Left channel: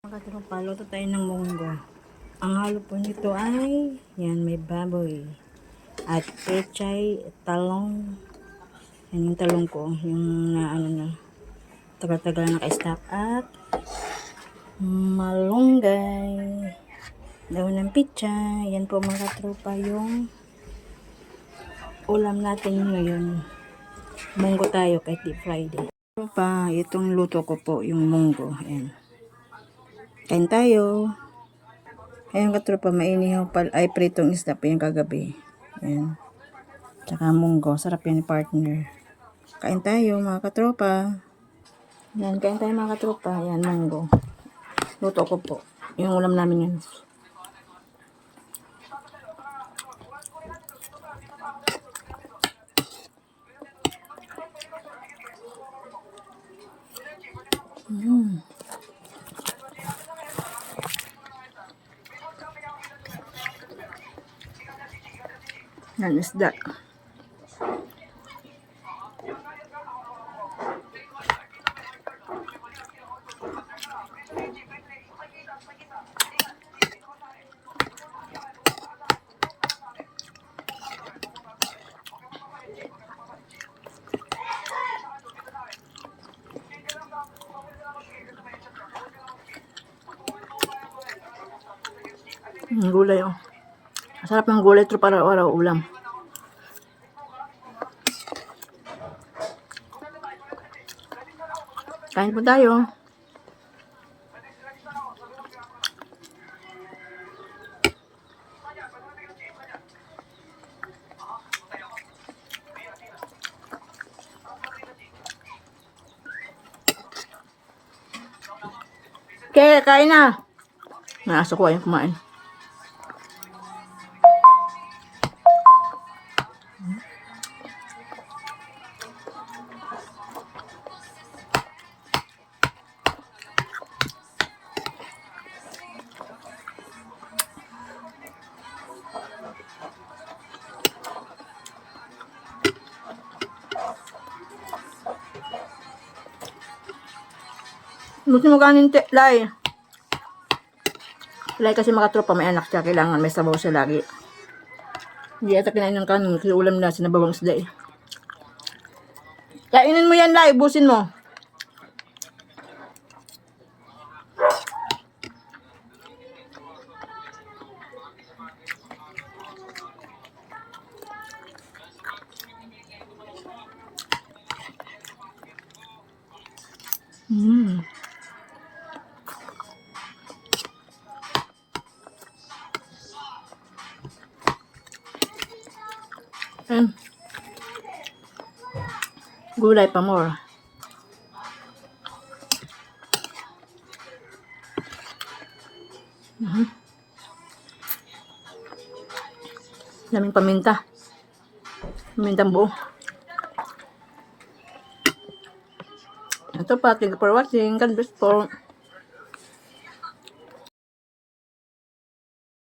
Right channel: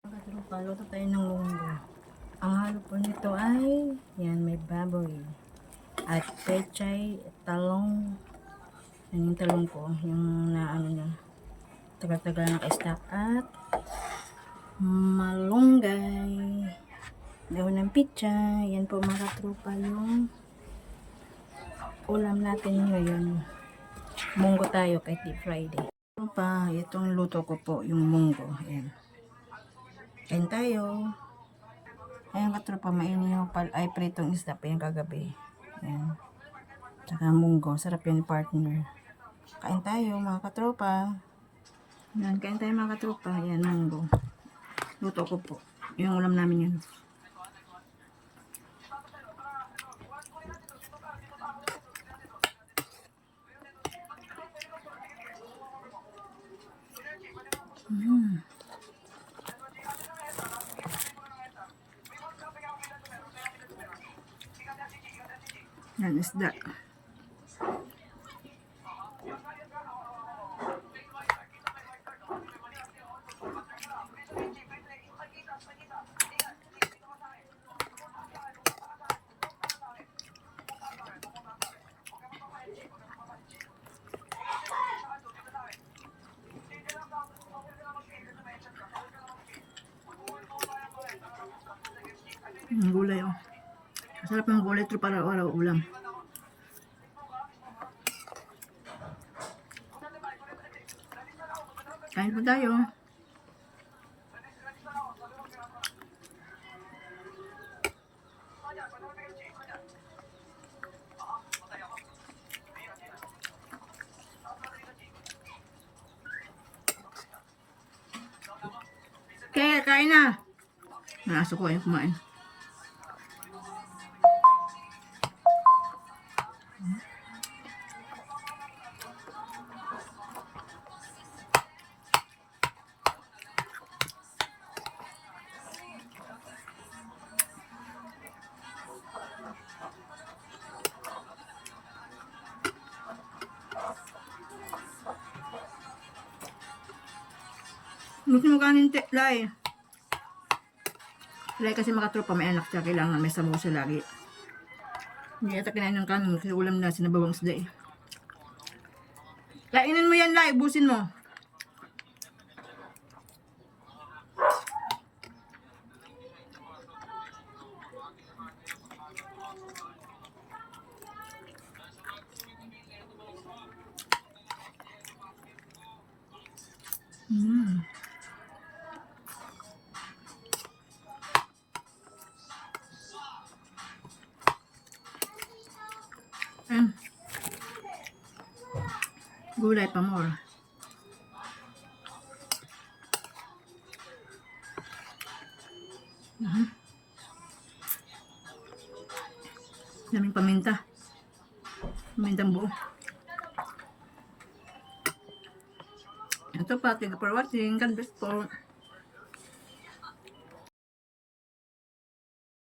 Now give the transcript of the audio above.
Mga tropa, luto tayo ng munggo. Ang halo po nito ay, yan, may baboy. At pechay, talong. Yan yung talong ko, yung na ano na, tagal-tagal na naka-stack. At malunggay. Daon ng pitsa. Yan po mga tropa yung ulam natin ngayon. Munggo tayo kahit di Friday. Tropa, itong luto ko po, yung munggo. Ayan. Kain tayo. Ayun katropa, mainihaw ay pritong isda pa yung kagabi. Ayan. Tsaka munggo. Sarap yun partner. Kain tayo mga katropa. Ayan, kain tayo mga katropa. Ayan, munggo. Luto ko po. Yung ulam namin yan. Yan, isda. Gulay oh. Masarap ng gulay ito para araw ulam. Kain po tayo. Okay, kain na. Nasa ko ayun kumain. Gusto mo kanin, Lai? Lai kasi mga tropa may anak siya. Kailangan may sabaw siya lagi. Hindi ata kinain ng kanin. Kasi ulam na sinabawang isda eh. Kainin mo yan, Lai. Ubusin mo. Gulay pa more. Daming paminta. Pamintang buo. Ito pa. Thank you for watching. God bless po.